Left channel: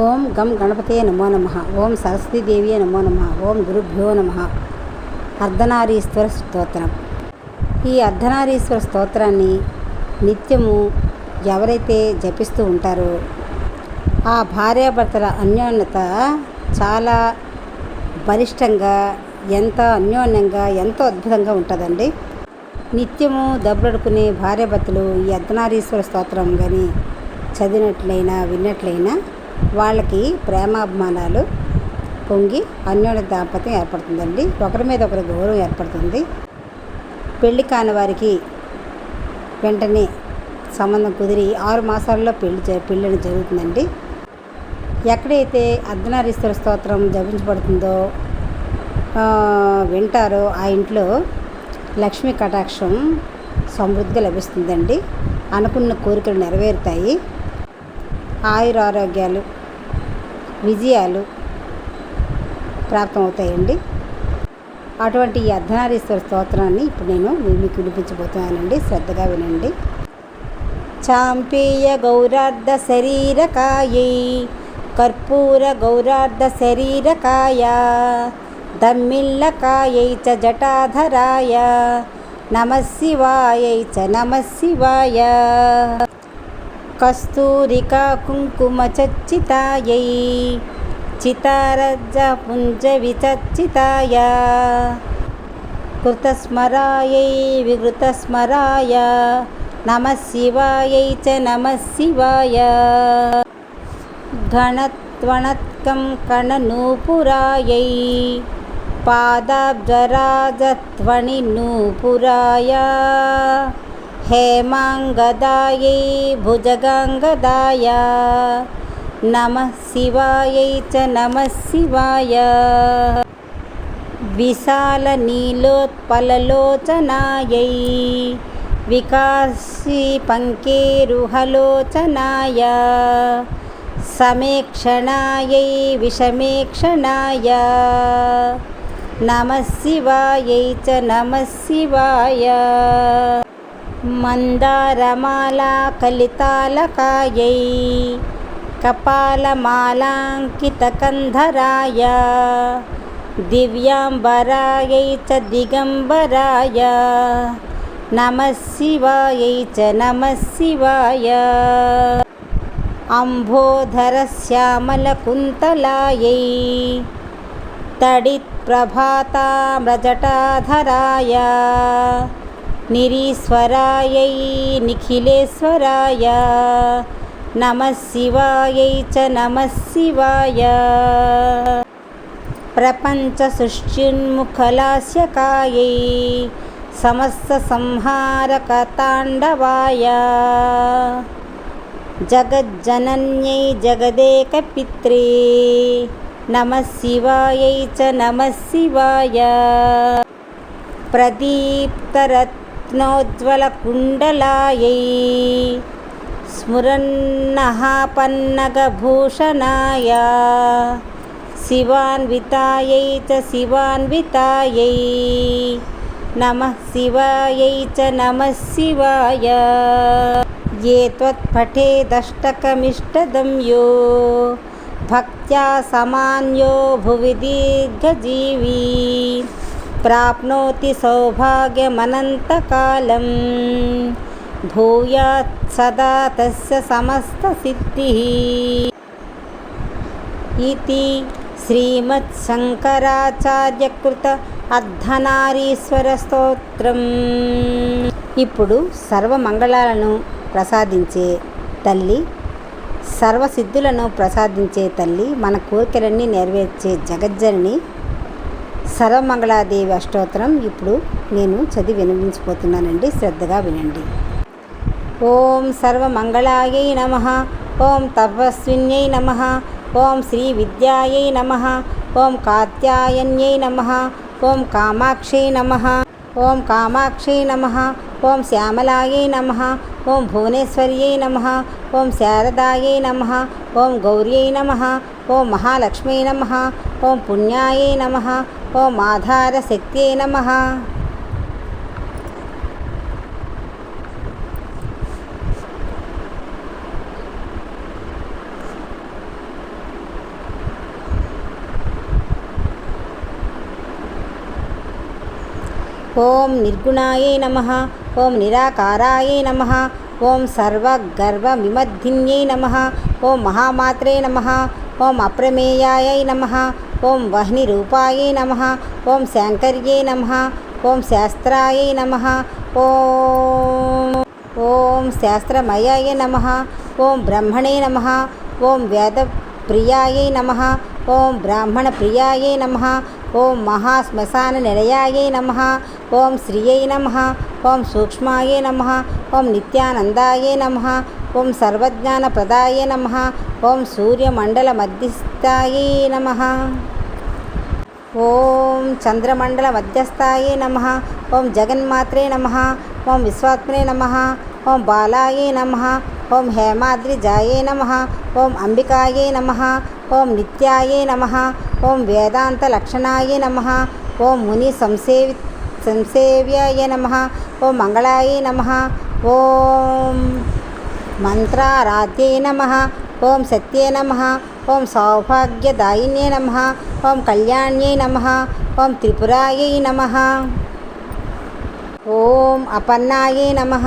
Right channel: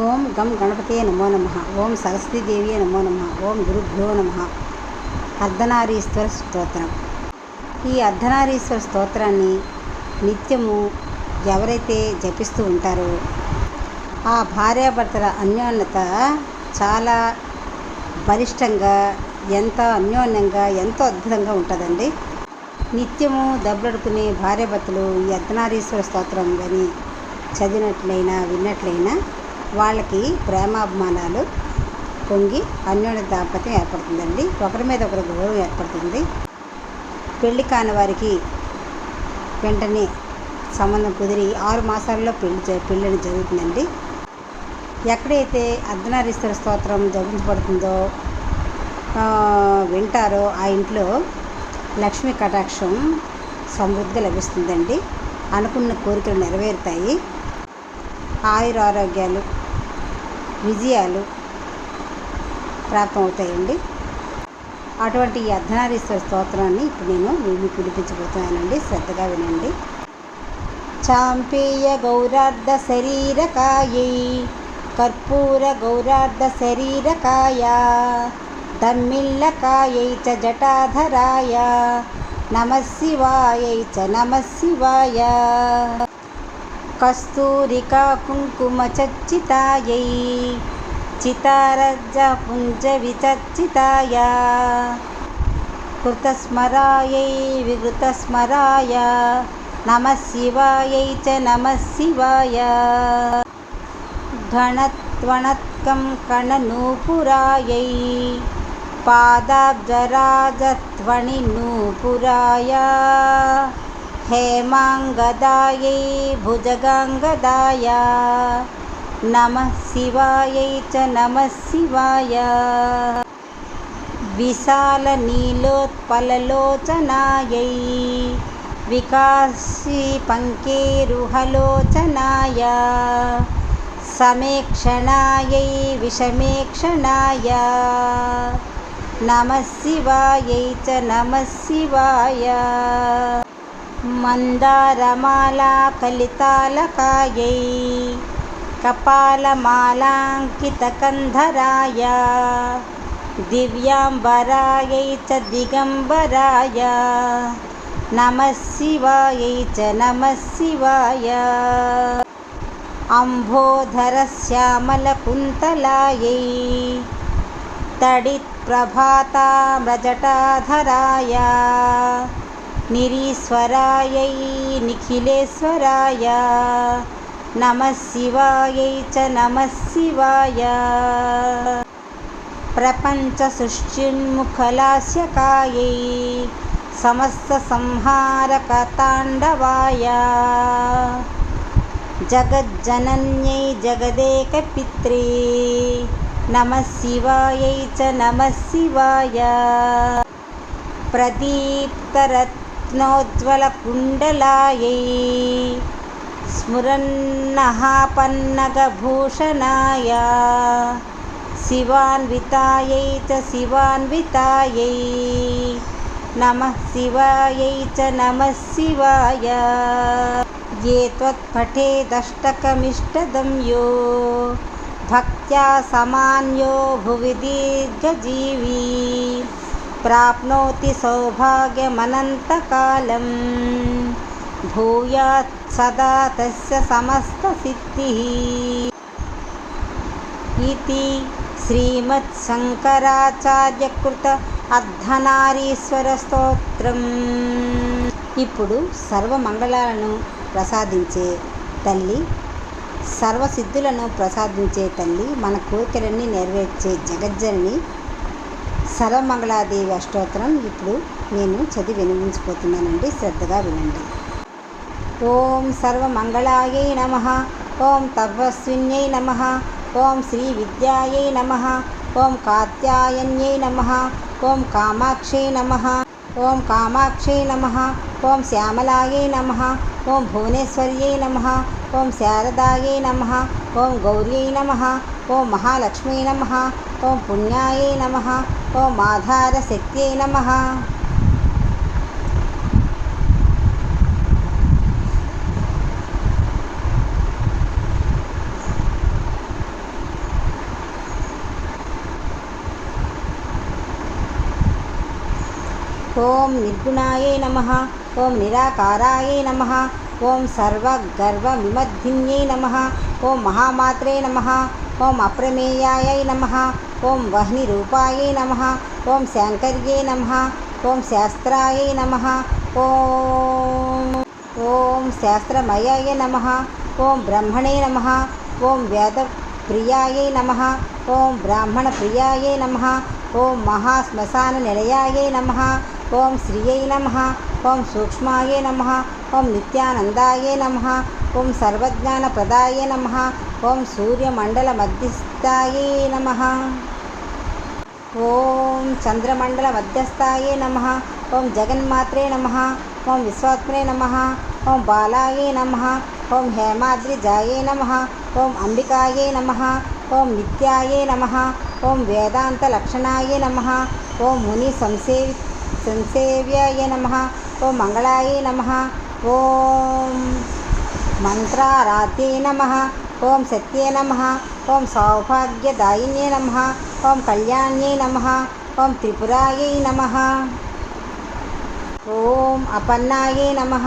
ఓం గం గణపతే నమో నమః. ఓం సరస్వతీదేవియే నమో నమః. ఓం గురుభ్యో నమః. అర్ధనారీశ్వర స్తోత్రం. ఈ అర్ధనారీశ్వర స్తోత్రాన్ని నిత్యము ఎవరైతే జపిస్తూ ఉంటారో ఆ భార్యాభర్తల అన్యోన్యత చాలా బలిష్టంగా, ఎంతో అన్యోన్యంగా, ఎంతో అద్భుతంగా ఉంటుందండి. నిత్యము దెబ్బలాడుకునే భార్యాభర్తలు ఈ అర్ధనారీశ్వర స్తోత్రం కానీ చదివినట్లయినా విన్నట్లయినా వాళ్ళకి ప్రేమాభిమానాలు పొంగి అన్యోన్య దాంపత్యం ఏర్పడుతుందండి. ఒకరి మీద ఒకరి గౌరవం ఏర్పడుతుంది. పెళ్లి కాని వారికి వెంటనే సంబంధం కుదిరి 6 మాసాల్లో పెళ్ళి జరుగుతుందండి. ఎక్కడైతే అర్ధనారీశ్వర స్తోత్రం జపించబడుతుందో వింటారో ఆ ఇంట్లో లక్ష్మీ కటాక్షం సమృద్ధిగా లభిస్తుందండి. అనుకున్న కోరికలు నెరవేరుతాయి. ఆయురారోగ్యాలు, విజయాలు ప్రాప్తమవుతాయండి. అటువంటి ఈ అర్ధనారీశ్వర స్తోత్రాన్ని ఇప్పుడు నేను మీకు వినిపించబోతున్నానండి. శ్రద్ధగా వినండి. చాంపేయ గౌరార్ధ శరీరకాయై కర్పూర గౌరార్ధ శరీరకాయ దమ్మిల్లకాయై చ జటాధరాయ నమః శివాయై చ నమః శివాయ కస్తూరికా కుంకుమ చర్చితాయై చితారజ్జ పుంజ విచర్చితాయ కృతస్మరాయై వికృతస్మరాయ నమః శివాయై చ నమః శివాయ ఘనత్వణత్కం కణనూపురాయై పాదాబ్జరాజత్వణి నూపురాయ హేమాంగదాయై భుజగాంగదాయ నమః శివాయై చ నమః శివాయ విశాల నీలోత్పలలోచనాయై వికాసి పంకేరుహలోచనాయ సమేక్షణాయై విషమేక్షణాయ నమః శివాయై చ నమః శివాయ మందారమాలా కలితాలకాయై కపాలమాలాంకితకంధరాయ దివ్యాంబరాయై చ దిగంబరాయ నమః శివాయై చ నమః శివాయ అంబోధరశ్యామలకుంతలాయై తడిత్ప్రభాతామ్రజటాధరాయ నిరీశ్వరాయై నిఖిలేశ్వరాయ నమః శివాయై చ నమః శివాయ ప్రపంచ సృష్టిన్ముఖలాస్యకాయై సమస్త సంహారక తాండవాయ జగజ్జనన్యై జగదేకపిత్రే నమః శివాయై చ నమః శివాయ ప్రదీప్తరత్నోజ్వలకుండలాయై స్ఫురన్నఃపన్నగభూషణాయ శివాన్వితాయై చ శివాన్వితాయై నమః శివాయై చ నమః శివాయ ఏ త్వత్పఠేదష్టకమిష్టదం యో భక్త్యా సమాన్యో భువి దీర్ఘజీవీ ప్రాప్నోతి సౌభాగ్యమనంతకాలం భూయాత్ సదా తస్య సమస్తసిద్ధిః ఇతి శ్రీమత్శంకరాచార్యకృత అర్ధనారీశ్వర స్తోత్రం. ఇప్పుడు సర్వమంగళాలను ప్రసాదించే తల్లి, సర్వసిద్ధులను ప్రసాదించే తల్లి, మన కోరికలన్నీ నెరవేర్చే జగజ్జనని సర్వమంగళాదేవి అష్టోత్తరం ఇప్పుడు నేను చదివి వినిపించబోతున్నానండి. శ్రద్ధగా వినండి. ఓం సర్వమంగళాయై నమః. ఓం తపస్విన్యై నమః. ఓం శ్రీ విద్యాయై నమః. ఓం కాత్యాయన్యై నమః. ఓం కామాక్షై నమః. ఓం కామాక్షై నమః. ఓం శ్యామలాయై నమః. ఓం భువనేశ్వర్యై నమః. ఓం శారదాయై నమః. ఓం గౌర్యై నమః. ఓం మహాలక్ష్మీ నమః. ఓం పుణ్యాయై నమః. ఓం ఆధారశక్త్యై నమః. ఓం నిర్గుణాయై నమః. ఓం నిరాకారాయై నమః. ఓం సర్వగర్వవిమర్ధిన్యై నమః. ఓం మహామాత్రే నమః. ఓం అప్రమేయాయై నమః. ఓం వహ్నిరూపాయై నమః. ఓం శాంకర్యై నమః. ఓం శాస్త్రాయై నమః. ఓం శాస్త్రమయాయ నమః. ఓం బ్రహ్మణే నమః. ఓం వేదప్రియాయై నమః. ఓం బ్రాహ్మణప్రియాయై నమః. ఓం మహాశ్మశాననిలయాయై నమః. ఓం శ్రియై నమః. ఓం సూక్ష్మాయై నమః. ఓం నిత్యానందాయై నమః. ఓం సర్వజ్ఞానప్రదాయై నమః. ఓం సూర్యమండలమధ్యస్థాయై నమః. ఓం చంద్రమండలమధ్యస్థాయై నమః. ఓం జగన్మాత్రే నమః. ఓం విశ్వాత్మనే నమః. ఓం బాలాయై నమః. ఓం హేమాద్రిజాయై నమః. ఓం అంబికాయై నమః. ఓం నిత్యాయై నమః. ఓం వేదాంతలక్షణాయై నమః. ఓం ముని సంసేవ్యాయ నమః. ఓం మంగళాయై నమః. ఓం మంత్రారాధ్యై నమః. ఓం సత్యే నమః. ఓం సౌభాగ్యదాయిన్యై నమః. ఓం కళ్యాణ్యై నమః. ఓం త్రిపురాయై నమః. ఓం అపన్నాయై నమః.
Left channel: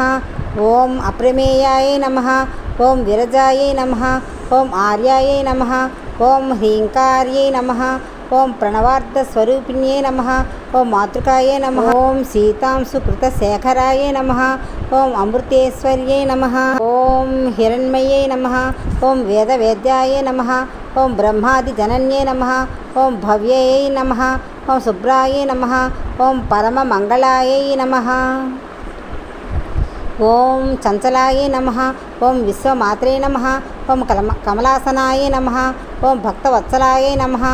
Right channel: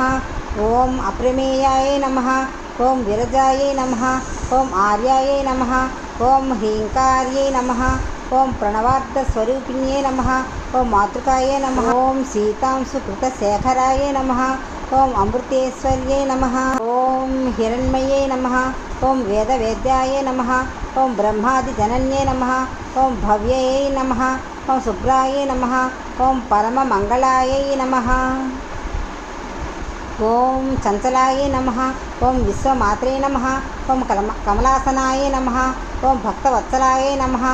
ఓం అప్రమేయాయై నమః. ఓం విరజాయై నమః. ఓం ఆర్యాయై నమః. ఓం హ్రీంకార్యై నమః. ఓం ప్రణవార్థస్వరూపిణ్యై నమః. ఓం మాతృకాయై నమః. ఓం సీతాంశుకృతశేఖరాయై నమః. ఓం అమృతేశ్వర్యై నమః. ఓం హిరణ్మయై నమః. ఓం వేదవేద్యాయై నమః. ఓం బ్రహ్మాదిజనన్యై నమః. ఓం భవ్యయై నమః. ఓం శుభ్రాయై నమః. ఓం పరమమంగళాయై నమః. ఓం చంచలాయై నమః. ఓం విశ్వమాత్రే నమః. ఓం కమలాసనాయై నమః. ఓం భక్తవత్సలాయై నమః.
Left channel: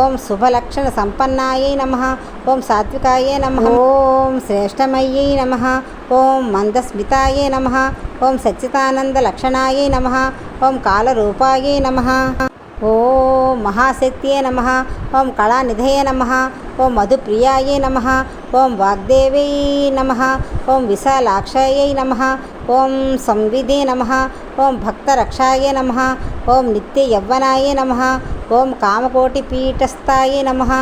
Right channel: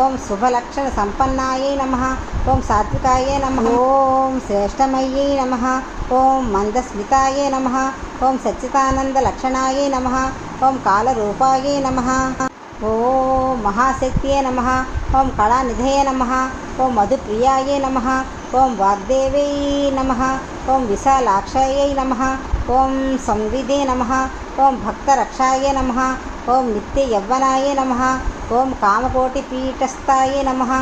ఓం శుభలక్షణ సంపన్నాయై నమః. ఓం సాత్వికాయై నమః. ఓం శ్రేష్టమయ్యై నమః. ఓం మందస్మితాయై నమః. ఓం సచ్చిదానందలక్షణాయై నమః. ఓం కాలరూపాయై నమః. ఓం మహాశక్త్యై నమః. ఓం కళానిధయే నమః. ఓం మధుప్రియాయై నమః. ఓం వాగ్దేవై నమః. ఓం విశాలాక్షాయై నమః. ఓం సంవిదే నమః. ఓం భక్తరక్షాయై నమః. ఓం నిత్యయవ్వనాయై నమః. ఓం కామకోటిపీఠస్థాయై నమః.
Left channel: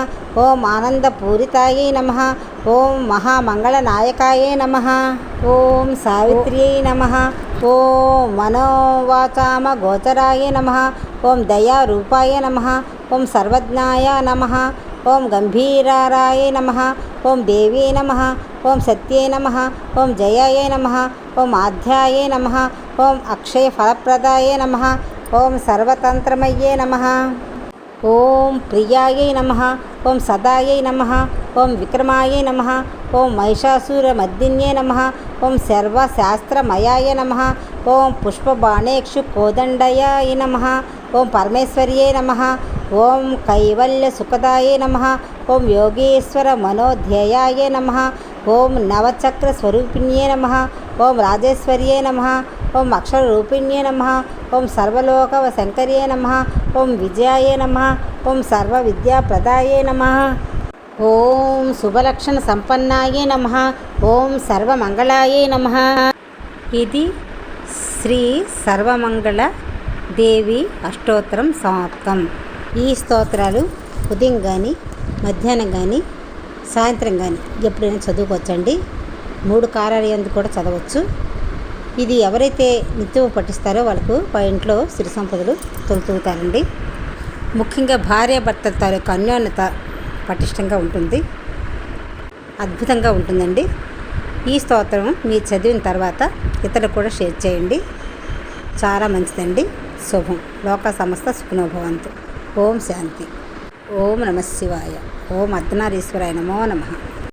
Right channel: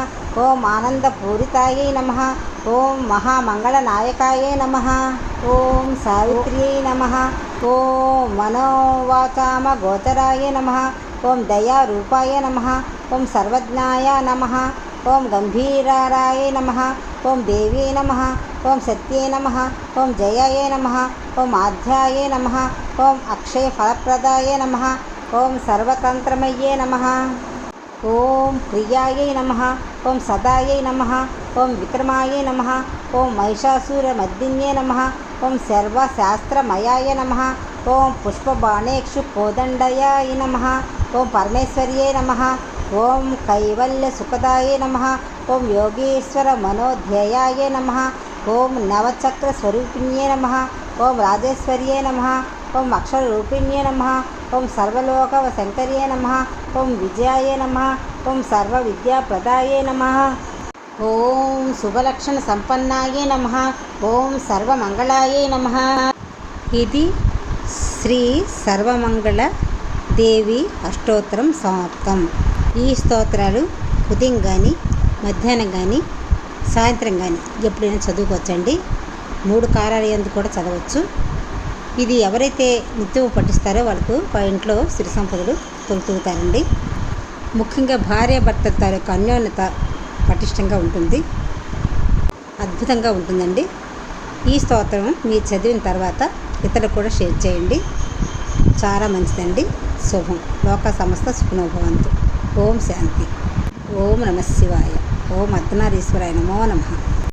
ఓం ఆనందపూరితాయై నమః. ఓం మహామంగళనాయకాయై నమః. ఓం సావిత్ర్యై నమః. ఓం మనోవాచామగోచరాయై నమః. ఓం దయారూపాయ నమః. ఓం సర్వజ్ఞాయ నమః. ఓం గంభీరారాయ నమః. ఓం దేవ్యై నమః. ఓం సత్యై నమః. ఓం జయాయ నమః. ఓం ఆధ్యాయై నమః. ఓం అక్షయఫలప్రదాయ నమః. ఓం సర్వతంత్రమయ్యే నమః. ఓం ప్రియాయై నమః. ఓం సదాయై నమః. ఓం విక్రమాయై నమః. ఓం మహిషాసురమర్దిన్యై నమః. ఓం సర్వశాస్త్రమయాయ నమః. ఓం పుష్పబాణేక్షు కోదండయాయ నమః. ఓం పరమేశ్వర్యై నమః. ఓం కైవల్యసుఖదాయై నమః. ఓం యోగేశ్వర మనోధ్యేయాయ నమః. ఓం నవచక్రస్వరూపిణ్యై నమః. ఓం రాజేశ్వర్యై నమః. ఓం అక్షరరూపిణ్యై నమః. ఓం సర్వలోకశంకర్యై నమః. ఓం విజయాయ నమః. ఓం సర్వవిద్యాప్రదాయై నమః. ఓం శుభలక్షణ సంపన్నాయై నమః. ఓం సర్వమంగళాయై నమః. ఇది శ్రీ సర్వమంగళ దేవి అష్టోత్తరం సమాప్తం. ఈ స్తోత్రాలు ఉదయం కానీ మధ్యాహ్నం కానీ సాయంత్రం కానీ ఎప్పుడైనా చదువుకోవచ్చండి. 3 కాలాల యందు కూడా చదవచ్చు. ఇది ఎవరైతే నిత్యం పఠిస్తారో వాళ్ళకు ఇంట్లో సిరి సంపదలు తొలుతూగుతారండి. ముఖ్యంగా భార్యాభర్తల తాలూకు అన్యోన్యత పటిష్టంగా ఉంటుంది. అద్భుతంగా ఉంటుందండి. ఈ స్తోత్రం మీరు చదివిన తర్వాత ఇతరులకు కూడా షేర్ చేయండి. చాలా మంచిదండి. శుభం. లోక సమస్త సుఖినోభవంతు. ఓం శాంతి. ఓం నమః శివాయ. ఓం అర్ధనారీశ్వరాయ నమో నమః.